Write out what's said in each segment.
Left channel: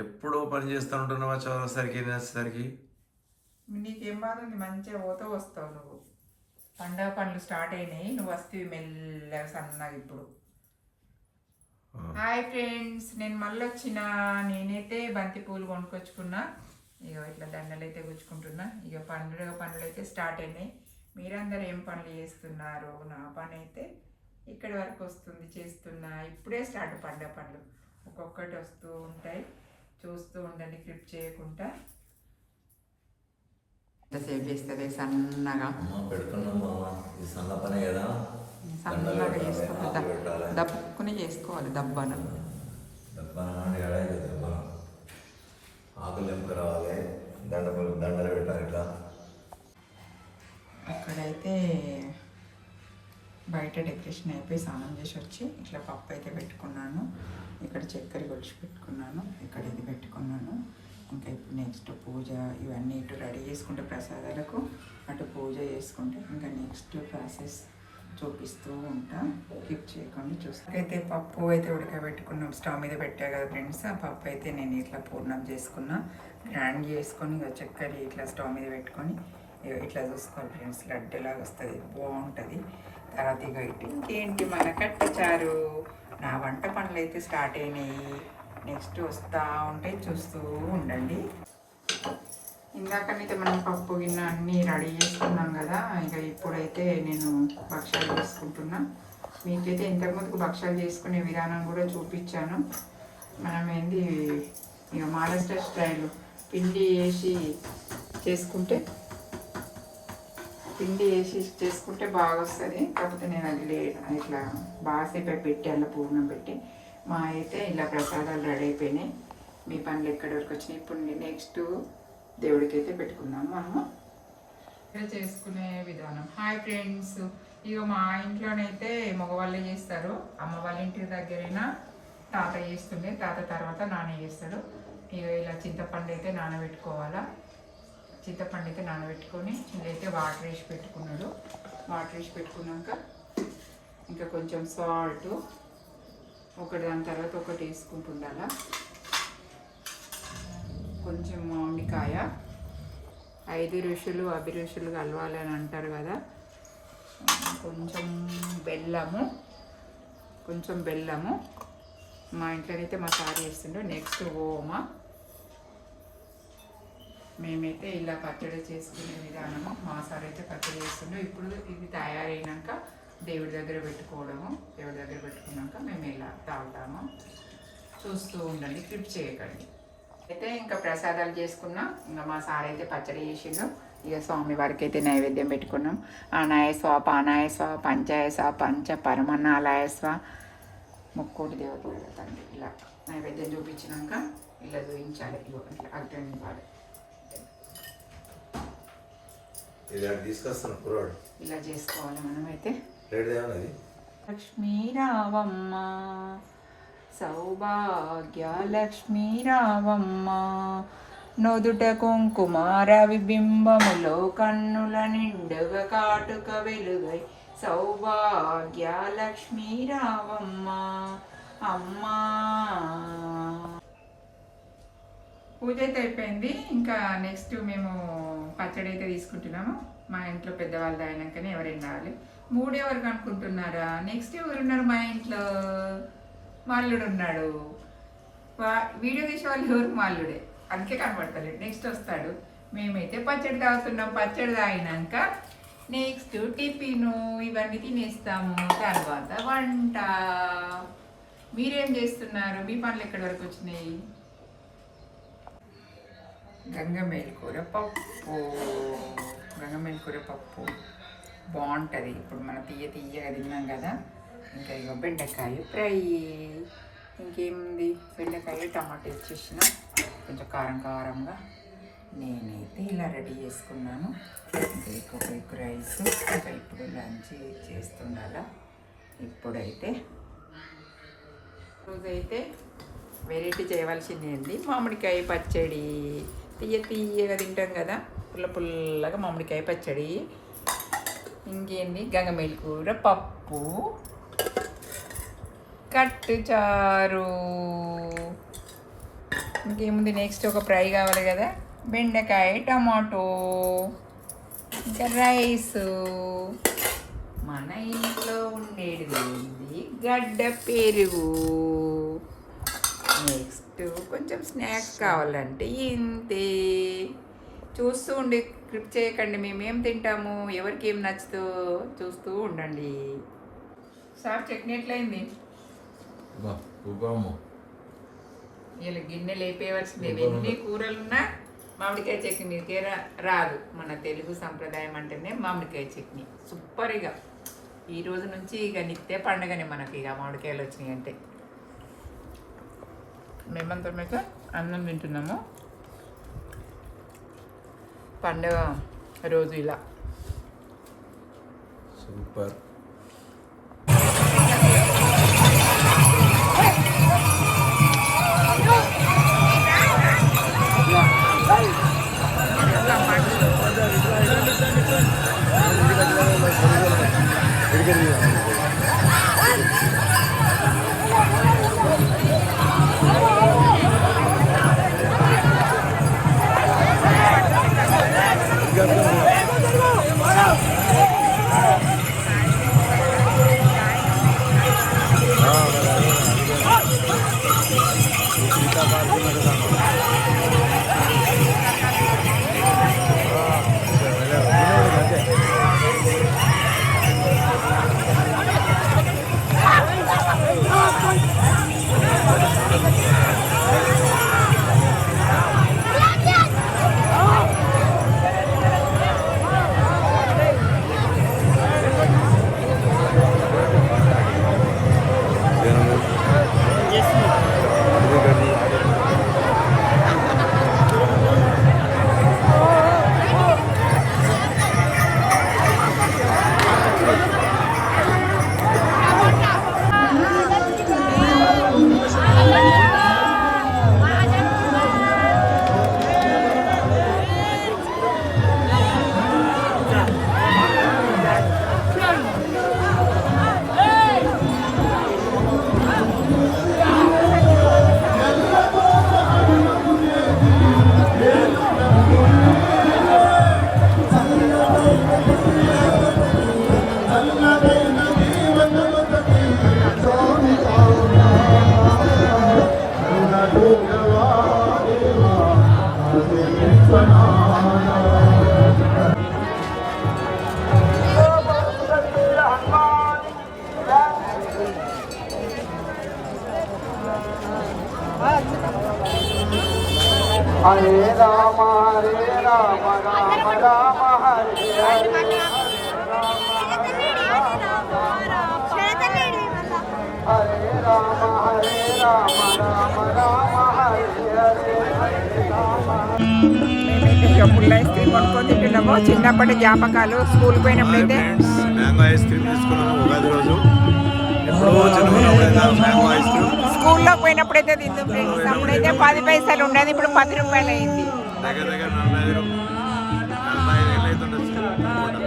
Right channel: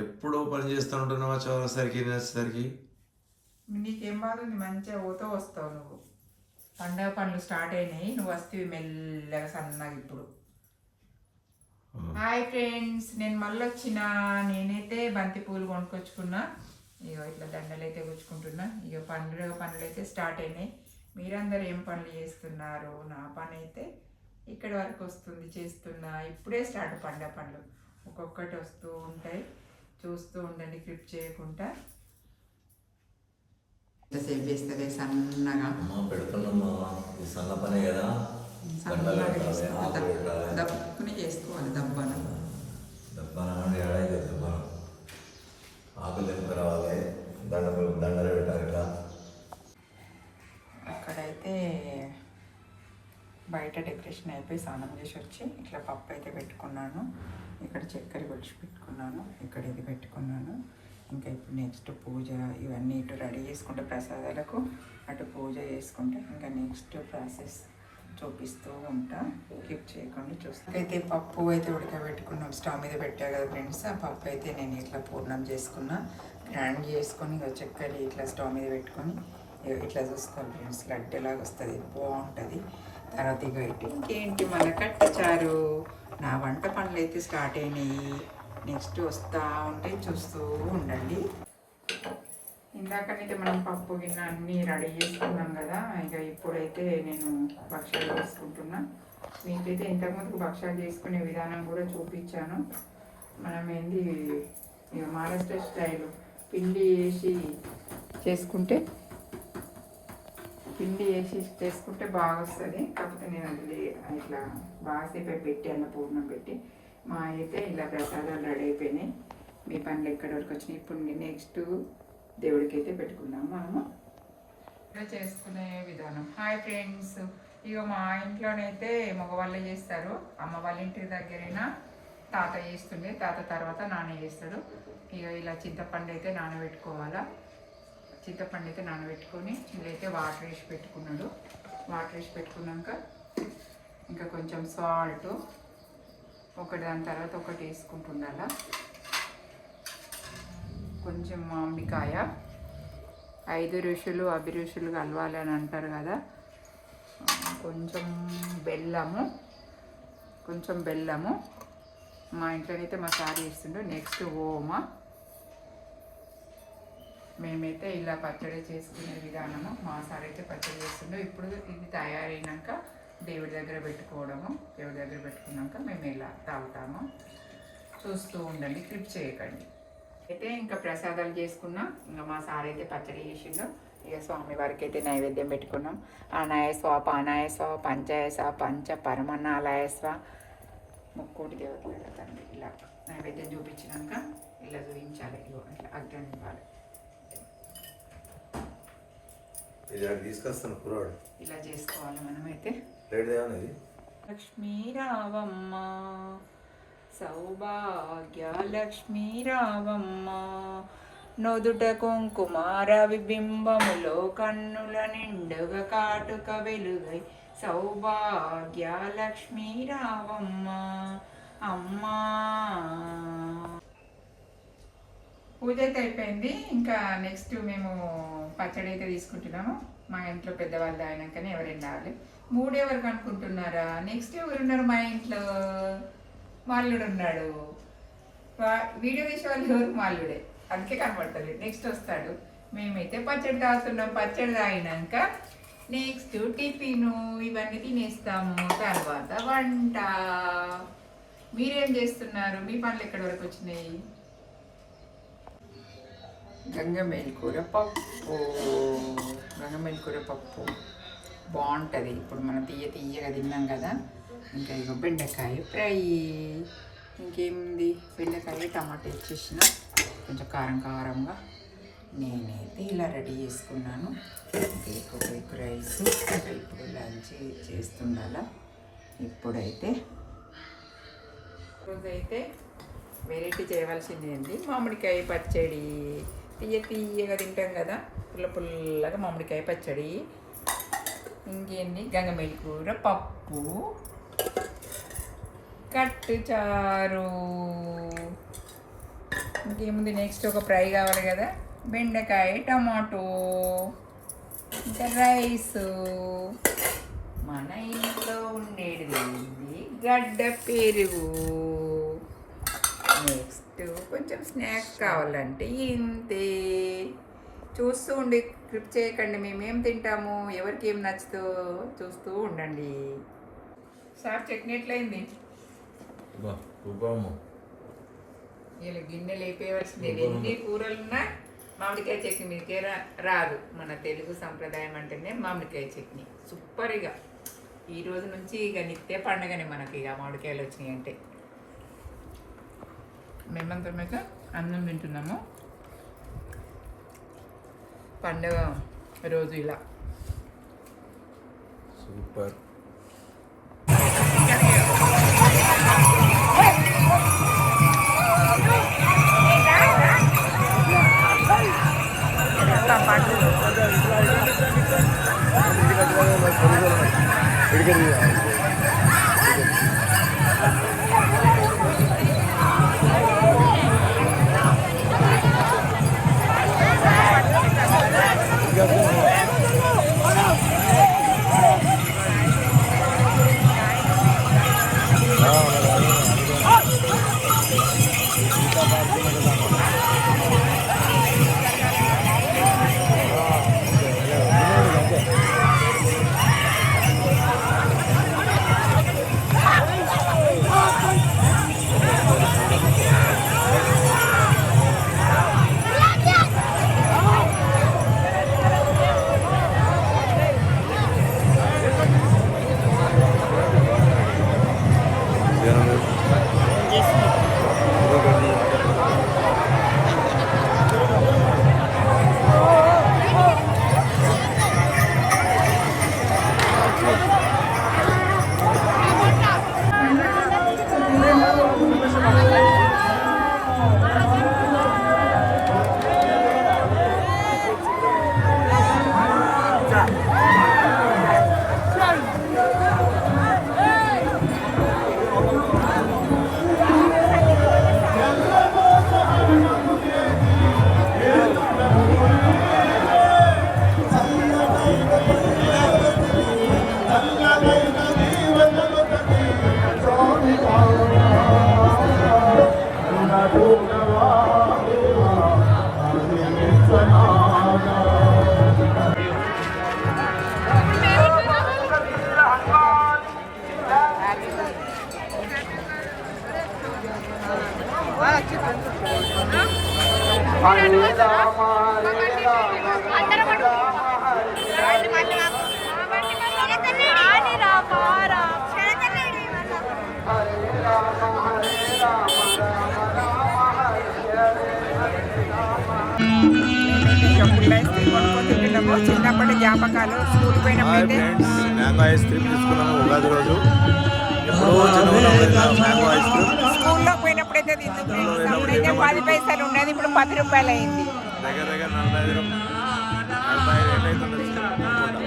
ఎప్పుడు పని చేస్తూ ఉంటున్నావా చౌరసరికి నేసరికి? నీకేం బాధ ఉంది? మంచిగా పోతూ వస్తావు నువ్వు. పండగ పనులు స్టార్ట్ అయినాయి, నువ్వు వస్తేవి మెల్లగా సన్నగా ఇప్పుడు. హాయ్ ఫ్రెండ్స్, నేను మళ్ళీ వచ్చిన. నేనైతే బంతి పూలు కొనుక్కొచ్చుకున్నా. ఇక ఇట్లా దండలు అయితే గుచ్చుకుంటున్నా. ఇక పండుగ పనులు అయితే స్టార్ట్ అయినాయి. మీరందరూ ఏం పనులు చేస్తున్నారు? నా పని అయితే ఇక్కడి వరకు వస్తుంది, చేస్తున్నా. ఇప్పుడే స్టార్ట్ పండగ పనులు, ఒక్కొక్కటి వస్తూ ఉంటాయి. చూస్తూ ఉండండి, క్లిప్ చేయకుండా. ఎంతసేపు చేస్తుంది సన్నగా పెడుతున్నామ్మా, ఇది సన్న పనే కదా. సన్నగా చేసుకోవాలి, దప్పుకుని చేసుకోవాలి. దబ్బన దబ్బన ఆకులు తెంపుకు రావాలి, దండలు పెట్టాలి. ఇట్లా అక్కడైతే బయట డెకరేషన్ అయిపోయి స్నానం చేసి వచ్చి ఇట్లా పప్పు అయితే పెట్టుకున్నాను. ఇక్కడ చక్కెర కొలిచి పెట్టుకున్నాను, ఇక్కడ ఇది పెట్టుకున్నాను. ఇంకా ఇప్పుడు నెక్స్ట్ పూజ ఇవన్నీ ఇటు రెడీ చేసుకుంటే ప్రసాదాలకు, అటు పూజ చేసుకుంటే ఇంకా నెక్స్ట్ ప్రాసెస్ చూపిస్తూ ఉంటా. క్లిక్ చేయకుండా చూస్తే పప్పు అయితే ఉడకబెట్టుకున్నాం, స్టవ్ మీద పెట్టా కదా ఫ్రెండ్స్. ఆ పప్పు అయితే నేను ఇట్లా పూర్ణం చేసుకున్నా, గ్రైండ్ చేసుకొని ఇక చక్కెర ఇట్లా స్టవ్ మీద పెట్టుకొని ఇట్లా చూసుకోవాలి ఫ్రెండ్స్. లడ్డలాగా వస్తుంది, బాగుంటుంది. తర్వాత ఇక ఇటు ఇంకేంటి మన కట్టచారు. నా వంట పనులు అయితే స్టార్ట్ అయినాయి, నెక్స్ట్ వస్తూ ఉంటాయి, చూస్తూ ఉండండి. ఇందాకనైతే మనం పప్పు గిన్నె అన్నీ రెడీ చేసుకున్నాం కదా. ఇక ఇప్పుడైతే నేను భక్షాలు చేసుకుంటున్నా. మీకైతే ఇంతకుముందుకు భక్షాలు చేసుకునే విధానం కూడా చూపించాను. మనం ఏంది ఇక మహారాష్ట్ర స్టైల్ పిండి వేసి చేసుకుంటే బాగా వస్తుంది. కాకపోతే నేను అది ఇట్లా బాగాసేపు పెట్టి అలా పూర్ణం పెట్టి మా అయితే ఇలా ప్రసాదాలు రెడీ అయిపోయినాయి. మీ పనులు ఎక్కడి వరకు వచ్చినాయి? ఇప్పుడు నెక్స్ట్ దేవుడికి అయితే పెట్టుకుందాం మనము. ఇక్కడ చేసుకునే విధానం. హాయ్ ఫ్రెండ్స్, ఇక మా ఇంట్లోనైతే మగవాళ్ళే చేస్తారు. అమ్మ వాళ్ళ ఇంటి దగ్గరైనా తాత చేస్తుండే, తాత తర్వాత నాన్న చేస్తాడు. ఇక ఇలా చింతపండు అయితే నానబెట్టుకోవాలా. చింతపండు అయితే నానబెట్టుకొని ఇదైతే వాటర్ వేసి పెట్టుకున్నాడు. వాటర్ వేసి పెట్టుకున్నాక ఇంకా కొంచెం సాల్ట్ ఒకటి దాని తర్వాత ఒకటి వేసుకుంటుండాలా. కొంచెం మామిడికాయ, 5 ఋషులు అభిరుషులు కలవాలి అని అంటారు కదా. కొంచెం బెల్లము. మా ఇంట్లోనైతే మా సార్ చేస్తుండే. నెక్స్ట్ ఓమ. మేమైతే ఇలా పచ్చడి చేసుకునే విధానము. మా సార్ అయితే పచ్చడి చేస్తుండే. ఇప్పుడు ఇది తయారైనాక దేవుడి దగ్గర పెట్టుకోవడము. దేవుడి దగ్గర పెట్టుకున్నాక మేము ఇలా తాగుతాము. చూస్తూ ఉండండి, క్లిప్ చేయకండి. అయితే ఇంకా ప్రసాదాలు చేసుకున్నాం. ఇంకా మా సార్ అయితే పచ్చడి చేసిండు. ఇక స్వామి వారికి అయితే నైవేద్యం పెట్టుకున్నాం. ఆనాయస్వ, పానాయస్వ, పంచాయస్వ, పంచ పరమన్నాలాయస్వ, ముక్కోటి దేవతలు తండ్రి. ఇలా నైవేద్యం చూపించినాక ఇలా చూపించాలి. ఇట్లా అగ్ని ఇవ్వాలి. ఇలా చేసుకోవాలి మనమైతే. లక్ష్మీ రావమ్మ, సౌభాగ్య లక్ష్మీ రావమ్మ, నొదుట కుంకుమార విబింబములో కన్నుల నిండుగా కాటుక వెలుగై, సౌభాగ్య లక్ష్మీ రావమ్మ అమ్మా. పూజ అయితే అయిపోయింది. ఇంకా నెక్స్ట్ మేము పచ్చడి అయితే తీసుకుంటున్నాము. మా ఇంట్లో పెద్దవాళ్ళు అయినాకనే ఎవరైనా రావాలి. 3 ఎవరికి అనుకుంటున్నారా? నెక్స్ట్ ఎవరున్నారు మా ఇంట్లో? మాల్లుడు ఉన్నాడు. వీడియో తీసే వాళ్ళు ఎవరు? మాల్లుడే, అందుకే కనబడతలేదు. నెక్స్ట్ వస్తాడు. మేమైతే పచ్చడి తాగుతున్నాం. పచ్చడి తాగినాక నెక్స్ట్ టిఫిను ఇవన్నీ తినేస్తాము. తర్వాత వంట. మీరేం చేస్తున్నారు? మీ పనులు ఎక్కడి వరకు వచ్చినాయి? గంగమేల్ కూర పప్పు బాగుంటుంది. ఇప్పుడు మనం తీయగా తిన్నాం కదా. ఇంకా ఇక బెండకాయ ఫ్రై. ఇంకేముంది? బెండకాయ టమాటా ఇచ్చేసిన కొంచెం కారంగా. నేనైతే ఇలా రెడీ చేసుకున్నాను. Egg rice. ఇంకా ఇప్పుడు లంచ్ చేస్తుండాల. ఇప్పుడైతే రోజైతే వెరైటీ చేయవలసింది అండి. మామిడికాయ పచ్చడి. తీయగా తింటాం కదా, పుల్లగా మామిడికాయ పచ్చడి. ఇంకేంది? గంగమేల్ కూర పప్పు, కట్టు చారు. ఇంకేముంది, నెక్స్ట్ ఒక ఫ్రై కావాలి కదా, బెండకాయ టమాటో ఇంకా రైస్. మన ఇంట్లో ఉండేది ఏంది, గడ్డ పెరుగు. నెక్స్ట్ కొంచెం స్నాక్స్ కావాలంటే ఇంతే. చూస్తూ ఉండి క్లిప్ చేయకండి, మేమేం తింటాము, ఎవరికి ఏం నచ్చుతో చూస్తూ ఉండండి. సార్ చట్నీ ఎట్లయింది? వీళ్ళ గిన్నె లేపేయవలసిందే. ఎన్ని కూరలున్నా మామిడికాయ చట్నీ మీకే రాదు. మన తెలుగు సంప్రదాయం అంటేనే మామిడికాయ చట్నీ సూపర్గా. ఈ రోజు నుంచి ఇక నిత్య పండుగనే మనకి, ఇక మామిడికాయలు వచ్చినాయి అంటే. మేమంతా మీకు అన్నం తింటున్నాము పండుగ రోజు ఇలా. సూపర్. పుల్ల ఐస్ క్రీమ్ కొనుక్కొని తింటున్నాము. చిన్నప్పటి జ్ఞాపకాలు. స్కూల్ పోయినప్పుడైతే మ్యాంగో ఐస్ క్రీమ్ తీసుకున్నాను ఉగాది రోజు. ఎప్పుడో చిన్నప్పుడు మ్యాంగో ఐస్ క్రీమ్ స్కూల్లో పోయినప్పుడైతే తింటున్నప్పుడైతే 10 పైసలు ఉండేది, ఇప్పుడు 10 రూపాయలు అయింది. దగ్గర దగ్గర 45 ఏళ్ళు అవుతుండొచ్చు అనుకుంటా.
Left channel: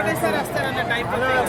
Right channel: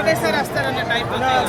ఒకటేసారి వస్తారన్నట్టు అయిపోతాయి.